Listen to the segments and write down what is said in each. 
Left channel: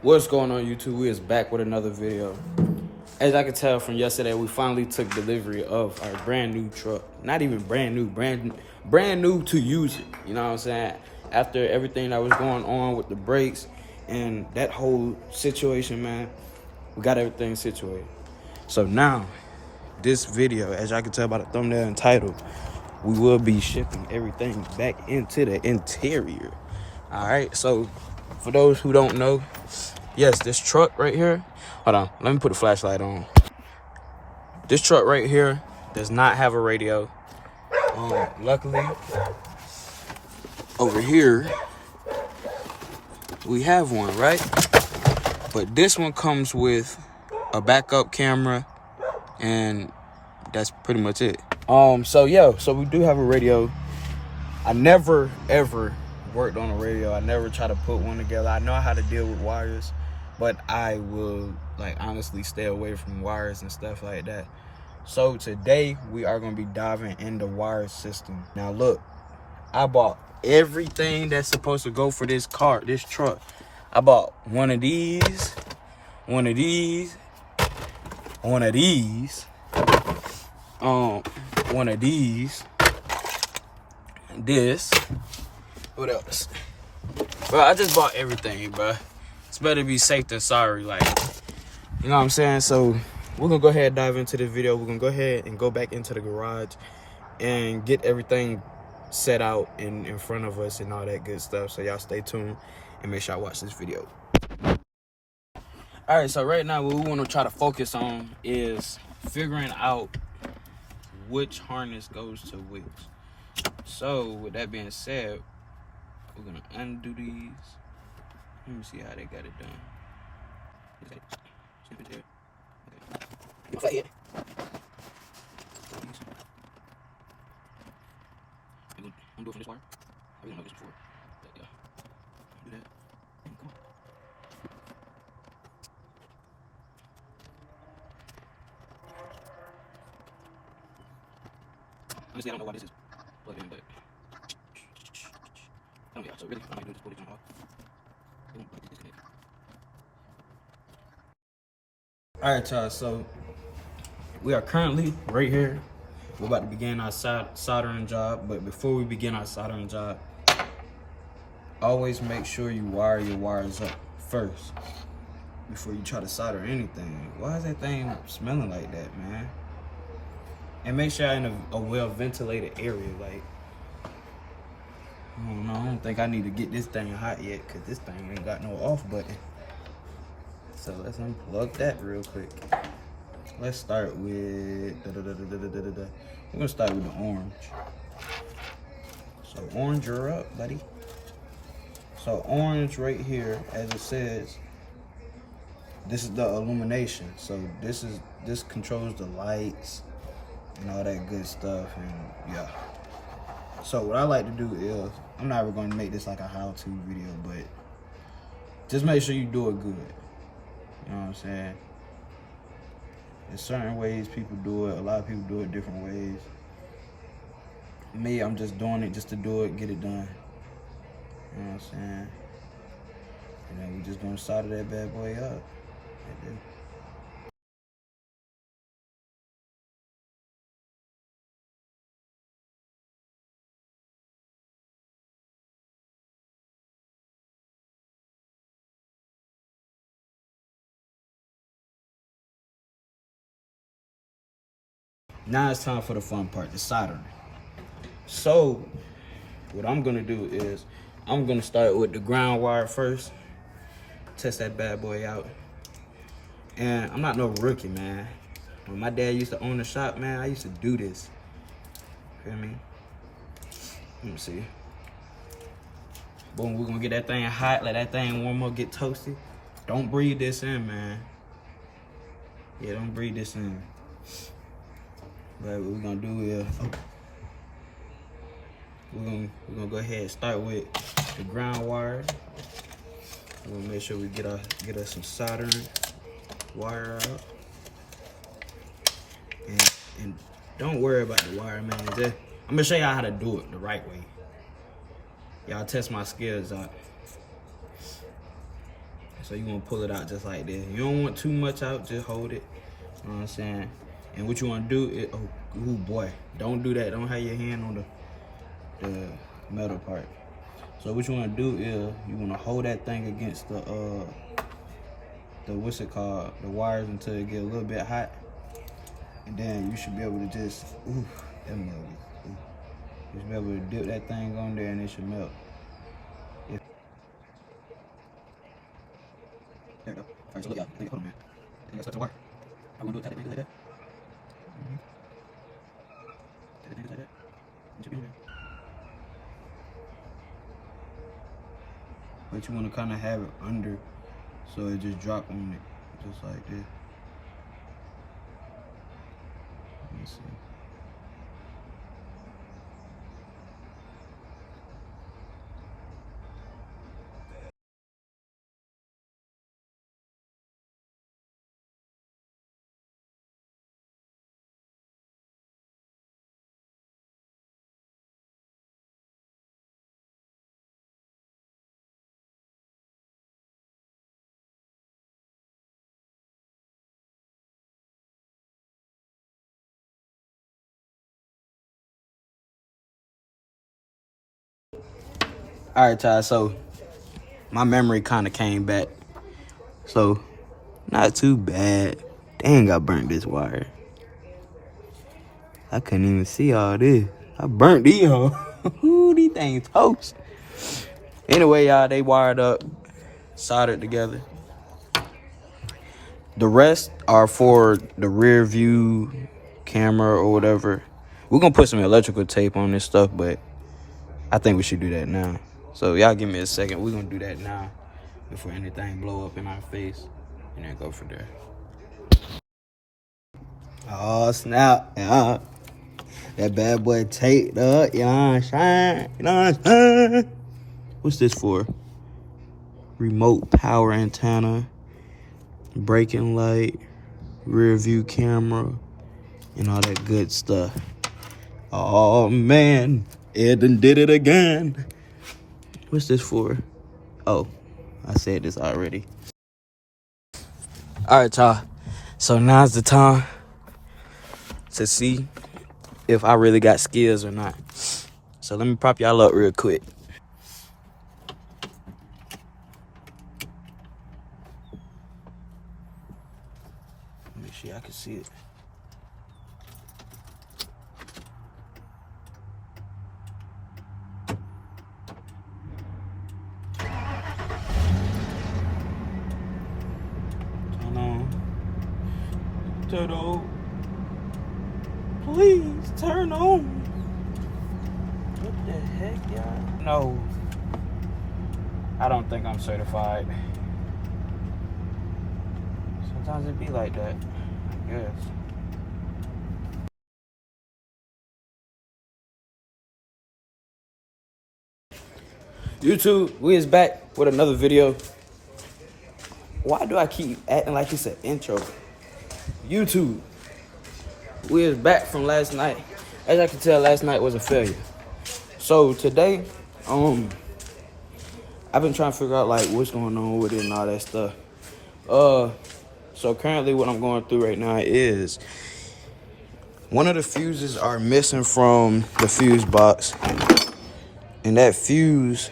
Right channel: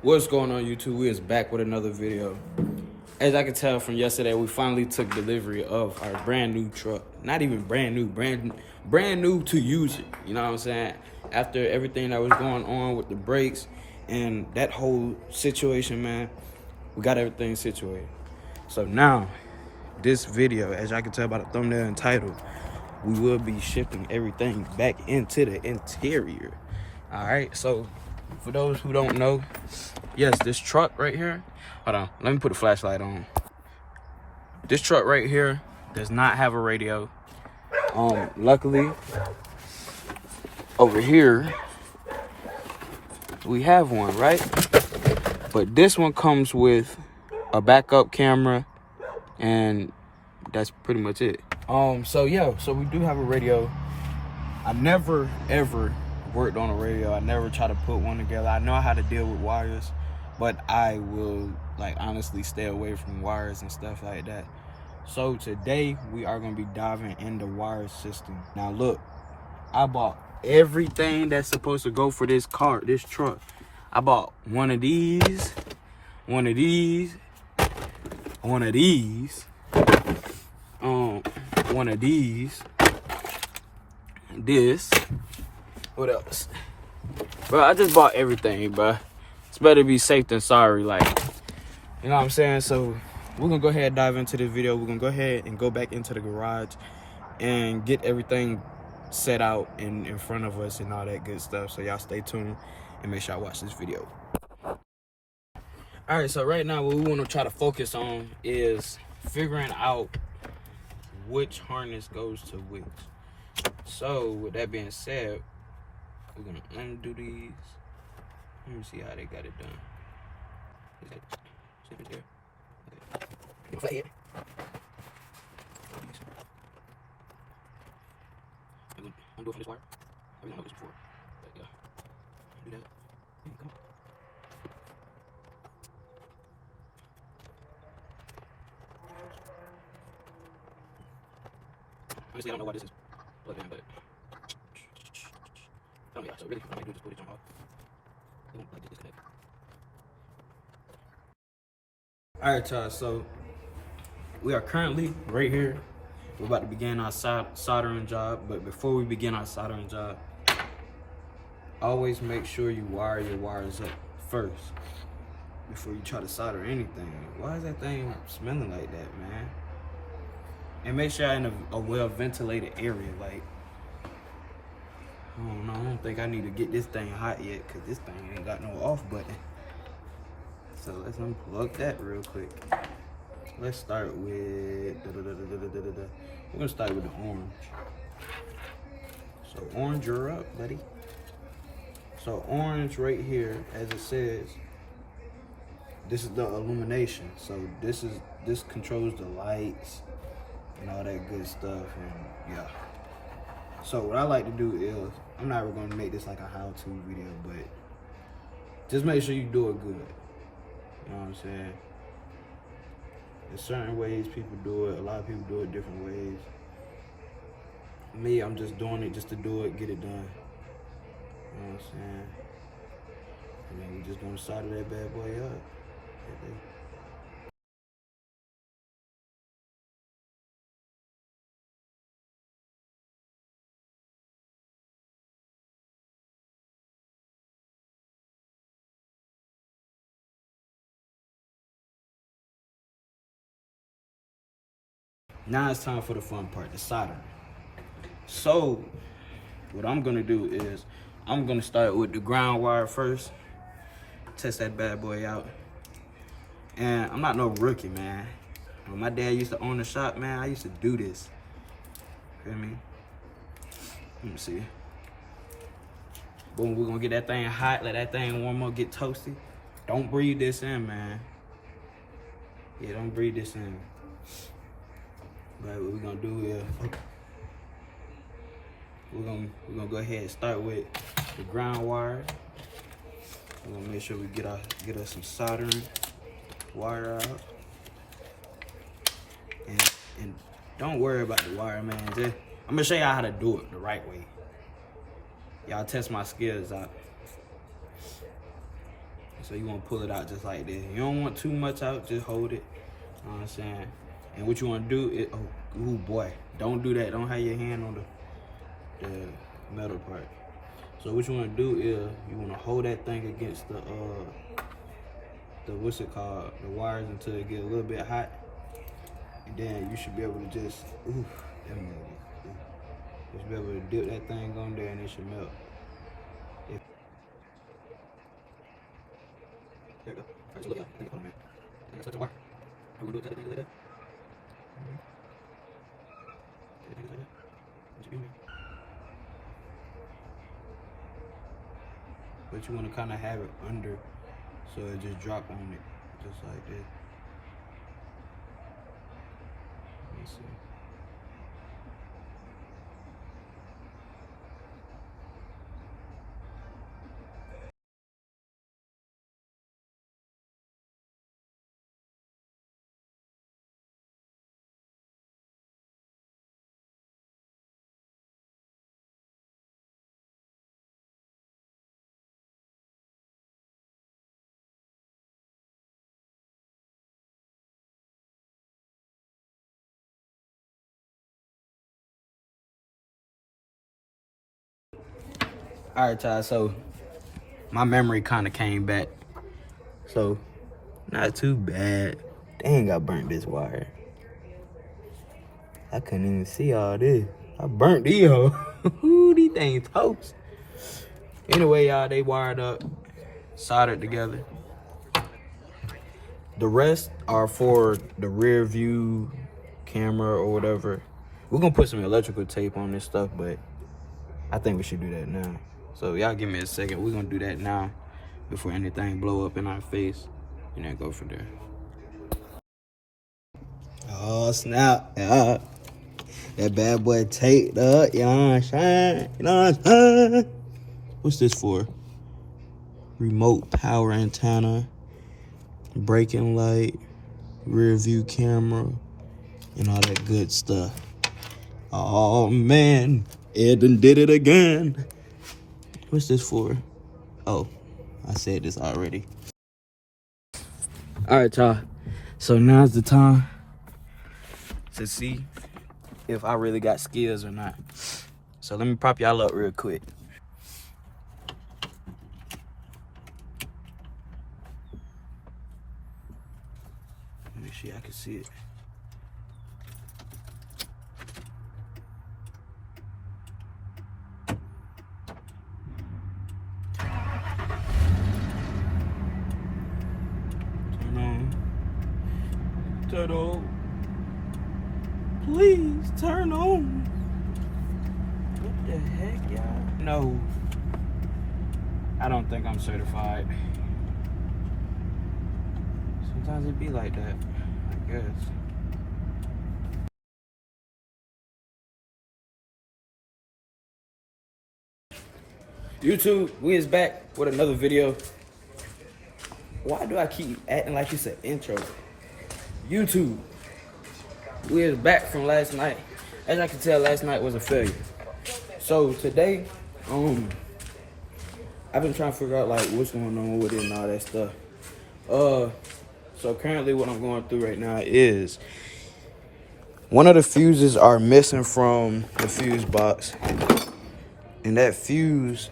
What's going on, YouTube? We is back with another video. As I can tell from yesterday, we finally took delivery of our brand new truck. Not even brand new, brand new to use it. You know what I'm saying? After everything that was going on with the brakes and that whole situation, man, we got everything situated. So now, this video, as y'all can tell by the thumbnail and title, we will be shipping everything back into the interior. All right, so for those who don't know, yes, this truck right here, hold on, let me put a flashlight on. This truck right here does not have a radio. Luckily, over here, we have one, right? But this one comes with a backup camera, and that's pretty much it. So we do have a radio. I never, ever worked on a radio. I never try to put one together. I know how to deal with wires, but I will honestly stay away from wires and stuff like that. So today we are going to be diving in the wire system. Now look, I bought everything that's supposed to go for this truck. I bought one of these, one of these, one of these, one of these, this. What else? Bro, I just bought everything, bro. It's better be safe than sorry, you know what I'm saying? So we're gonna go ahead and dive into the video. We're gonna go ahead and go back into the garage and get everything set out in front of us and all that good stuff. So y'all stay tuned and make sure y'all watch this video. All right, so right now what we want to try to focus on is figuring out which harness goes to which. So with that being said, we're gonna undo these. Let me see how they got it done. Okay. I'm doing from this wire. I didn't know this before. But yeah. Do that. Come on. Honestly, I don't know why this is plugged in, but yeah, so really, I might do this footage on off. Alright, y'all, so we are currently right here. We're about to begin our soldering job, but before we begin our soldering job, always make sure you wire your wires up first before you try to solder anything. Why is that thing smelling like that, man? And make sure you're in a well-ventilated area. I don't know, I don't think I need to get this thing hot yet, because this thing ain't got no off button. So let's unplug that real quick. Let's start with, we're gonna start with the orange. So orange, you're up, buddy. So orange right here, as it says, this is the illumination. So this controls the lights and all that good stuff, and yeah. So what I like to do is, I'm not going to make this like a how-to video, but just make sure you do it good. You know what I'm saying? There's certain ways people do it. A lot of people do it different ways. Me, I'm just doing it just to do it, get it done. You know what I'm saying? And then we just gonna solder that bad boy up. Now it's time for the fun part, the soldering. So what I'm gonna do is, I'm gonna start with the ground wire first. Test that bad boy out. And I'm not no rookie, man. When my dad used to own the shop, man, I used to do this. Feel me? Let me see. Boom, we're gonna get that thing hot, let that thing warm up, get toasty. Don't breathe this in, man. Yeah, don't breathe this in. But what we're gonna do is, we're gonna go ahead and start with the ground wire. We're gonna make sure we get us some soldering wire out. And don't worry about the wire, man. I'm gonna show y'all how to do it the right way. Y'all test my skills out. So you want to pull it out just like this. You don't want too much out, just hold it. You know what I'm saying? And what you want to do is, oh boy, don't do that. Don't have your hand on the metal part. So what you want to do is you want to hold that thing against the what's it called, the wires, until it get a little bit hot, and then you should be able to just you should be able to dip that thing on there and it should melt. There we go. Alright, so look, y'all. Hold on, man. I think I stuck the wire. I'm gonna do it tight like that. Tight like that. It should be in there. But you want to kind of have it under, so it just drop on it, just like this. Let me see. All right, y'all. So my memory kind of came back. So not too bad. Dang, I burnt this wire. I couldn't even see all this. I burnt these hoes. These things toast. Anyway, y'all, they wired up, soldered together. The rest are for the rear view camera or whatever. We're gonna put some electrical tape on this stuff, but I think we should do that now. So y'all give me a second. We're gonna do that now before anything blow up in our face, and then go from there. Oh snap! Yeah, that bad boy taped up. You know what I'm saying? You know what I'm saying? What's this for? Remote power antenna, braking light, rear view camera, and all that good stuff. Oh man, Ed done did it again. What's this for? Oh, I said this already. All right, y'all. So now's the time to see if I really got skills or not. So let me prop y'all up real quick. Make sure y'all can see it. Turn on. Turtle. Please turn on. What the heck, y'all? No. I don't think I'm certified. Sometimes it be like that, I guess. YouTube, we is back with another video. Why do I keep acting like it's an intro? YouTube, we is back from last night. As I can tell, last night was a failure. So today, I've been trying to figure out like what's going on with it and all that stuff. So currently what I'm going through right now is one of the fuses are missing from the fuse box, and that fuse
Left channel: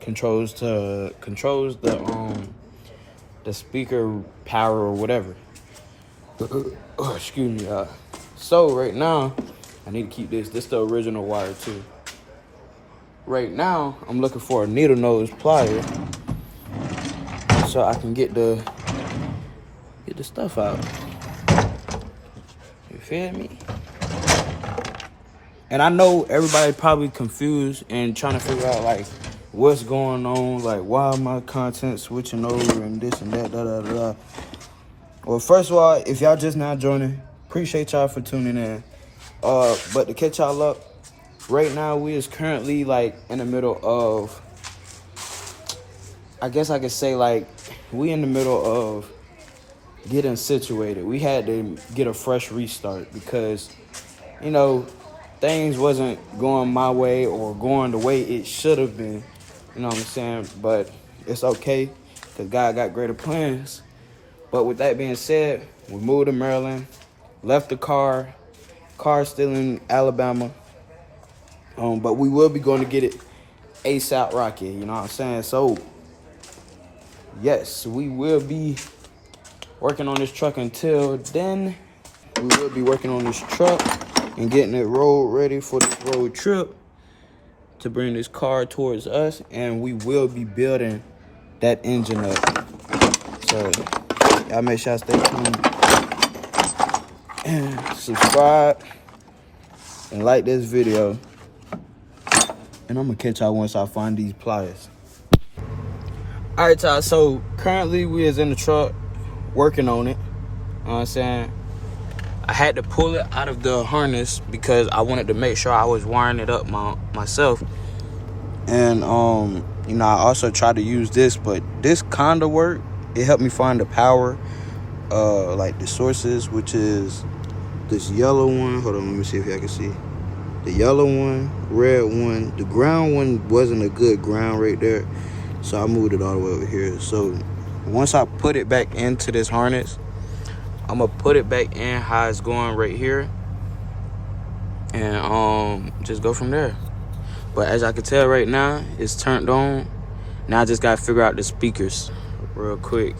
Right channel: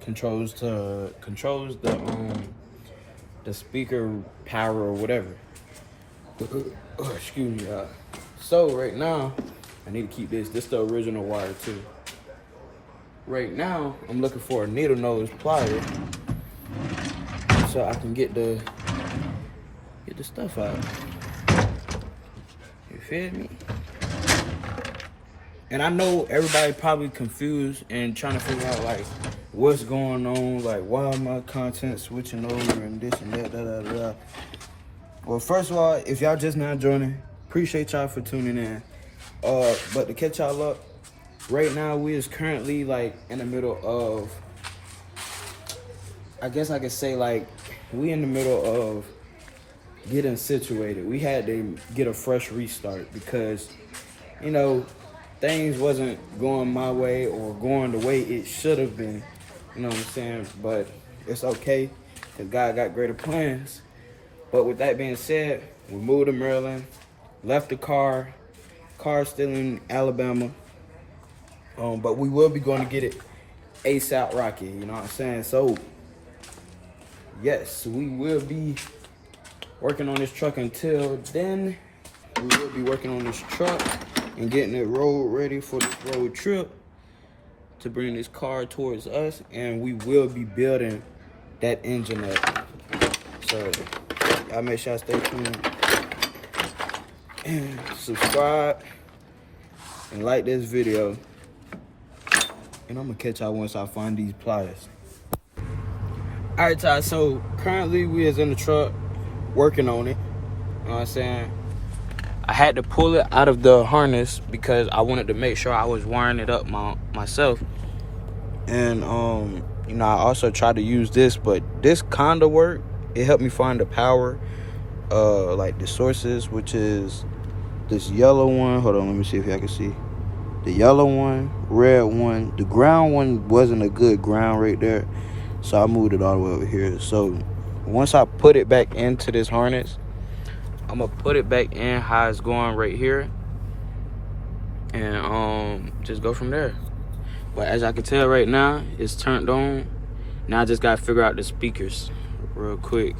controls the speaker power or whatever. Oh, excuse me. So right now, I need to keep this. This is the original wire too. Right now, I'm looking for a needle nose plier so I can get the stuff out. You feel me? And I know everybody probably confused and trying to figure out like what's going on, like why my content switching over and this and that, da da da. Well, first of all, if y'all just now joining, appreciate y'all for tuning in. But to catch y'all up, right now we is currently like in the middle of, I guess I could say like we in the middle of getting situated. We had to get a fresh restart because, you know, things wasn't going my way or going the way it should have been. You know what I'm saying? But it's okay. because God got greater plans. But with that being said, we moved to Maryland, left the car still in Alabama. But we will be going to get it ASAP Rocky, you know what I'm saying? So, yes, we will be working on this truck until then. We will be working on this truck and getting it road ready for this road trip to bring this car towards us. And we will be building that engine up. So, y'all make sure I stay tuned and subscribe and like this video. And I'm gonna catch y'all once I find these pliers. All right, Ty, so currently we is in the truck working on it. You know what I'm saying? I had to pull it out of the harness because I wanted to make sure I was wiring it up myself. And, you know, I also tried to use this, but this kind of worked. It helped me find the power, like the sources, which is this yellow one. Hold on, let me see if y'all can see. The yellow one, red one. The ground one wasn't a good ground right there, so I moved it all the way over here. So once I put it back into this harness, I'm gonna put it back in how it's going right here, and just go from there. But as I can tell right now, it's turned on. Now I just gotta figure out the speakers real quick.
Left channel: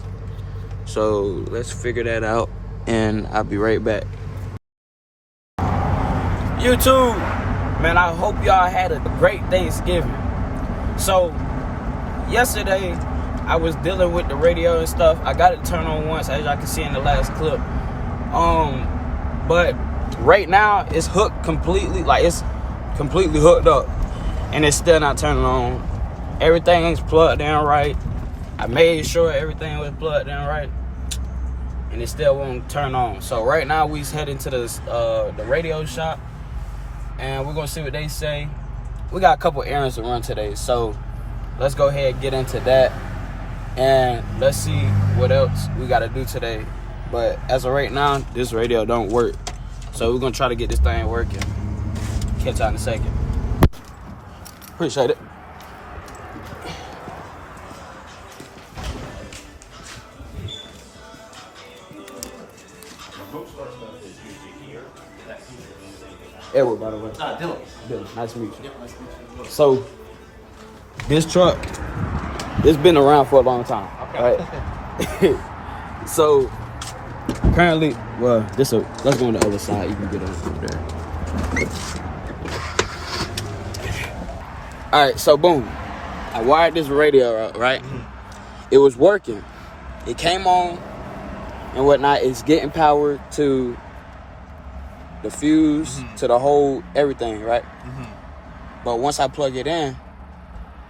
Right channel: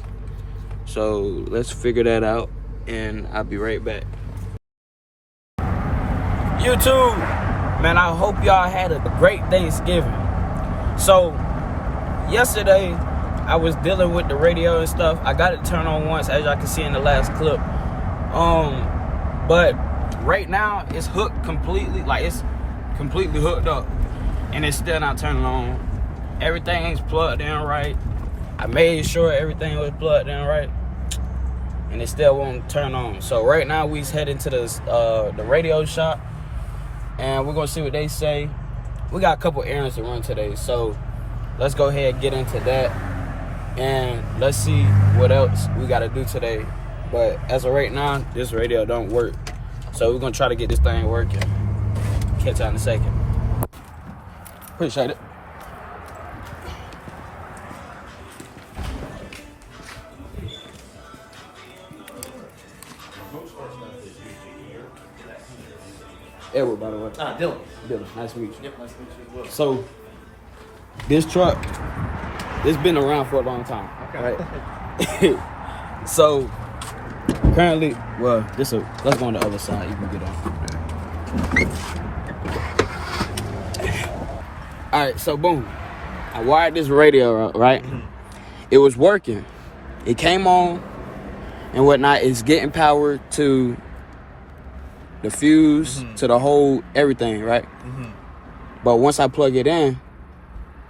So let's figure that out, and I'll be right back. YouTube, man, I hope y'all had a great Thanksgiving. So yesterday I was dealing with the radio and stuff. I got it turned on once, as y'all can see in the last clip. But right now it's hooked completely, like it's completely hooked up, and it's still not turning on. Everything's plugged in right. I made sure everything was plugged in right, and it still won't turn on. So right now we's heading to the radio shop, and we're gonna see what they say. We got a couple errands to run today, so let's go ahead and get into that, and let's see what else we gotta do today. But as of right now, this radio don't work, so we're gonna try to get this thing working. Catch y'all in a second. Appreciate it. Edward, by the way. Dylan. Dylan, nice to meet you. Yep, nice to meet you as well. So, this truck, it's been around for a long time, okay, right? So, currently, well, let's go on the other side. You can get on there. All right, so boom. I wired this radio up, right? Mm-hmm. It was working. It came on and whatnot. It's getting power to the fuse, mm-hmm, to the whole everything, right? Mm-hmm. But once I plug it in,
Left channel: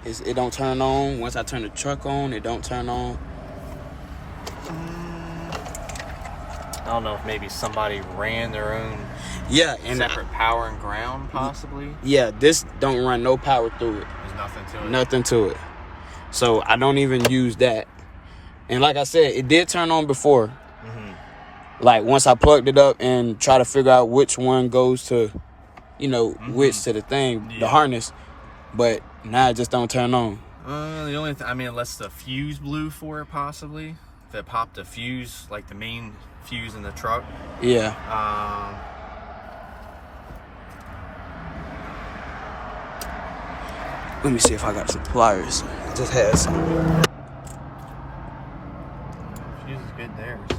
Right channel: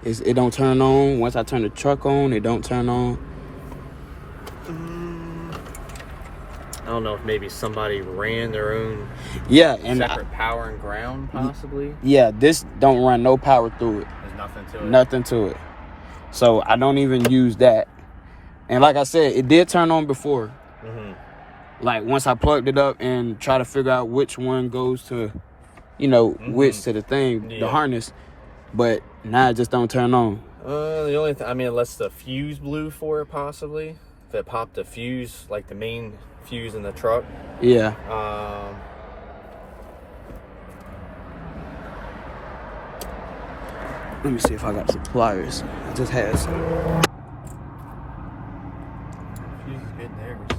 it don't turn on. Once I turn the truck on, it don't turn on. I don't know if maybe somebody ran their own separate power and ground, possibly. Yeah, this don't run no power through it. There's nothing to it. Nothing to it. So I don't even use that. And like I said, it did turn on before. Mm-hmm. Like once I plugged it up and try to figure out which one goes to, you know, mm-hmm, which to the thing, the harness. But now it just don't turn on. The only thing, I mean, unless the fuse blew for it, possibly. If it popped the fuse, like the main fuse in the truck. Yeah. Let me see if I got some pliers. I just had some. Fuse is good there, so.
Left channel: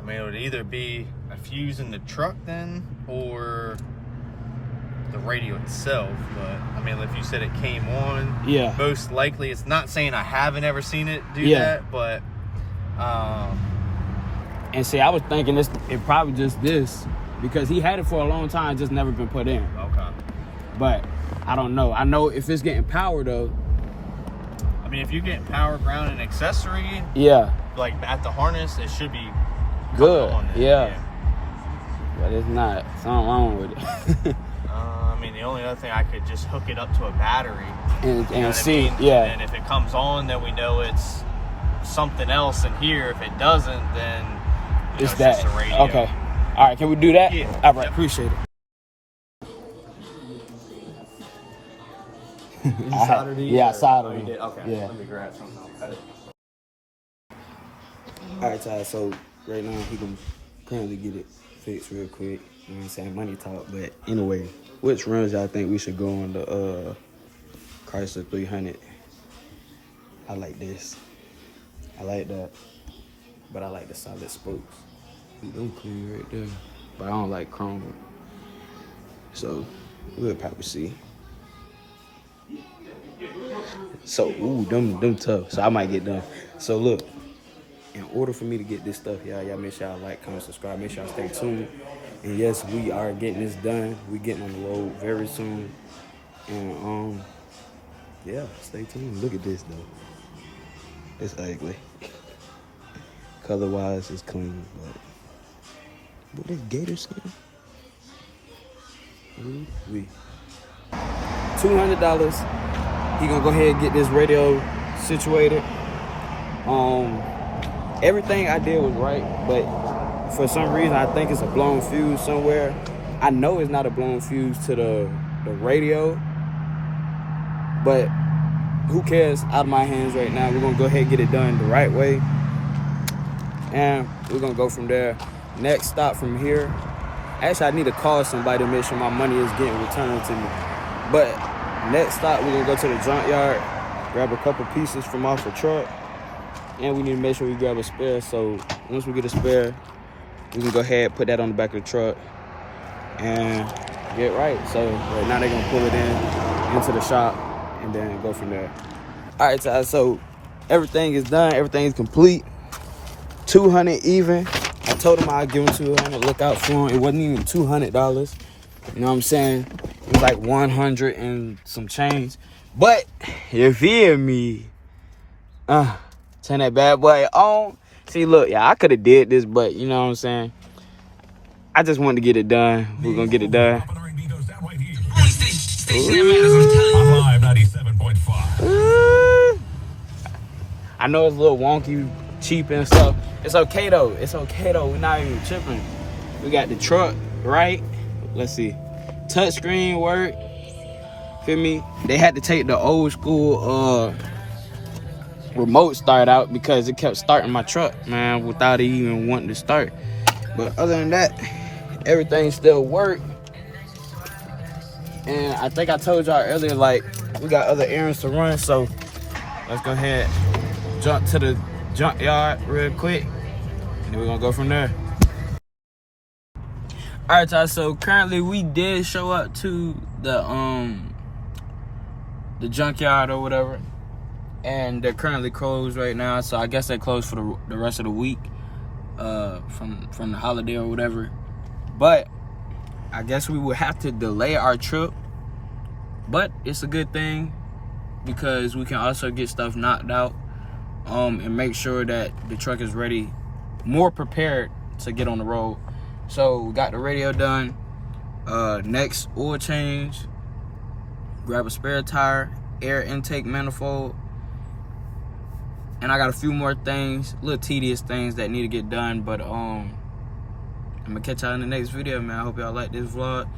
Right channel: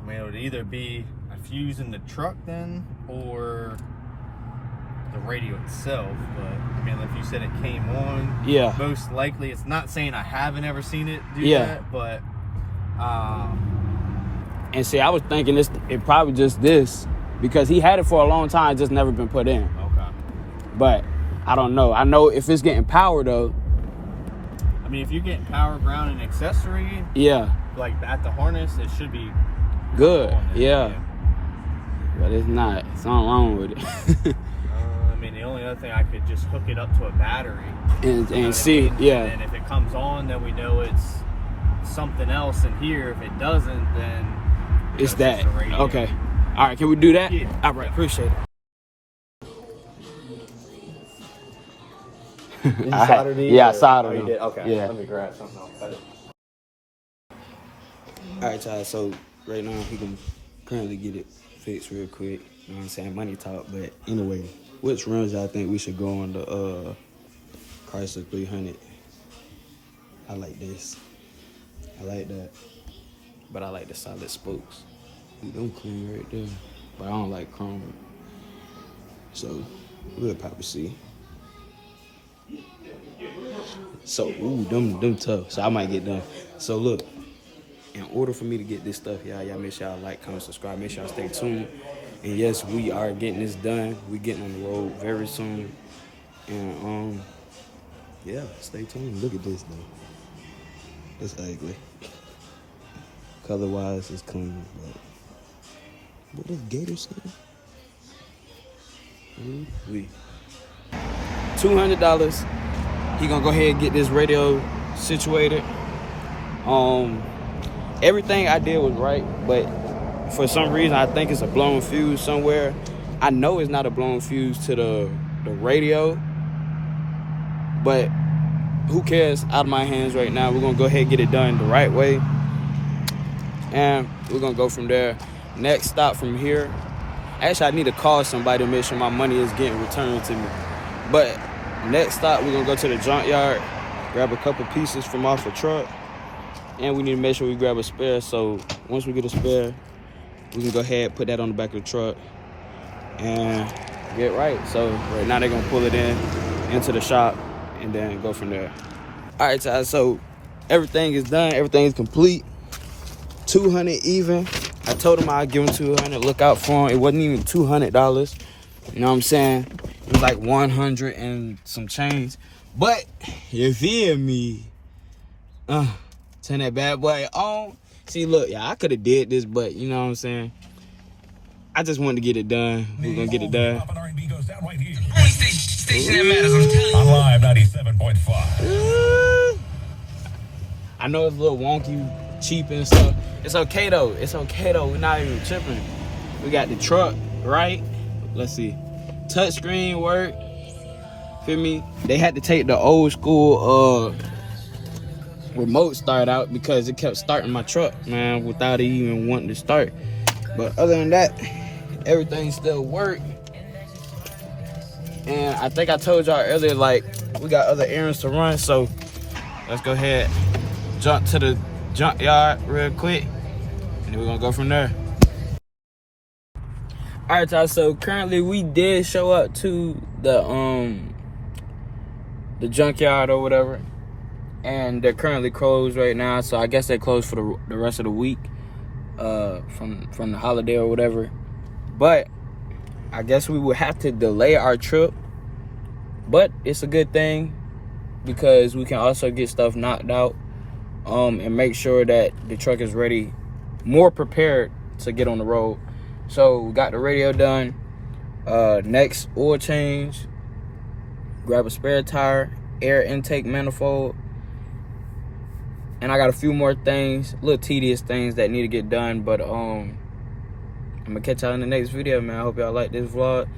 I mean, it would either be a fuse in the truck then, or the radio itself. But I mean, if you said it came on, yeah, most likely. It's not saying I haven't ever seen it do that, but. And see, I was thinking it probably just this, because he had it for a long time, just never been put in. Okay. But I don't know. I know if it's getting power though. I mean, if you're getting power, ground, and accessory, yeah, like at the harness, it should be good. Yeah. But it's not. Something wrong with it. I mean, the only other thing, I could just hook it up to a battery and see. Yeah. And if it comes on, then we know it's something else in here. If it doesn't, then it's that. Okay. All right. Can we do that? Yeah. All right. Appreciate it. Did you solder these? Yeah, I or- soldered oh, you them. did? Okay. Yeah. Let me grab something. I'll cut it. All right, y'all. So right now we can currently get it fixed real quick. You know what I'm saying? Money talk. But anyway, which rims y'all think we should go on the Chrysler 300? I like this. I like that. But I like the solid spokes. Them clean right there. But I don't like chrome. So we'll probably see. So ooh, them tough. So I might get them. So look, in order for me to get this stuff, y'all make sure y'all like, comment, subscribe. Make sure y'all stay tuned. And yes, we are getting this done. We getting on the road very soon. And yeah, stay tuned. Look at this though. It's ugly. Color wise, it's clean, but what is gator skin? We $200. He gonna go ahead and get this radio situated. Everything I did was right, but for some reason I think it's a blown fuse somewhere. I know it's not a blown fuse to the radio, but who cares? Out of my hands right now. We're gonna go ahead and get it done the right way, and we're gonna go from there. Next stop from here. Actually, I need to call somebody to make sure my money is getting returned to me. But next stop, we're gonna go to the junkyard, grab a couple pieces from off the truck, and we need to make sure we grab a spare. So once we get a spare, we can go ahead, put that on the back of the truck, and get right. So right now they're gonna pull it into the shop, and then go from there. All right, guys. So everything is done. Everything is complete. 200 even. I told him I'd give him 200. Look out for him. It wasn't even $200. You know what I'm saying? It was like 100 and some change. But you feel me? Turn that bad boy on. See, look, yeah, I could have did this, but you know what I'm saying? I just wanted to get it done. We're gonna get it done. On Live 97.5. I know it's a little wonky, cheap and stuff. It's okay though. It's okay though. We're not even tripping. We got the truck, right? Let's see. Touchscreen work. Feel me? They had to take the old school remote start out because it kept starting my truck, man, without it even wanting to start. But other than that, everything still worked. And I think I told y'all earlier, like, we got other errands to run, so let's go ahead, jump to the junkyard real quick, and then we're gonna go from there. All right, y'all, so currently we did show up to the junkyard or whatever, and they're currently closed right now, so I guess they're closed for the rest of the week, from the holiday or whatever. But I guess we will have to delay our trip, but it's a good thing because we can also get stuff knocked out, and make sure that the truck is ready, more prepared to get on the road. So we got the radio done. Next, oil change, grab a spare tire, air intake manifold, and I got a few more things, little tedious things that need to get done, but I'm gonna catch y'all in the next video, man. I hope y'all like this vlog,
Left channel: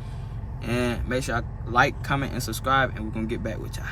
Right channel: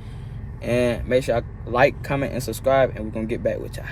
and make sure y'all like, comment, and subscribe, and we're gonna get back with y'all.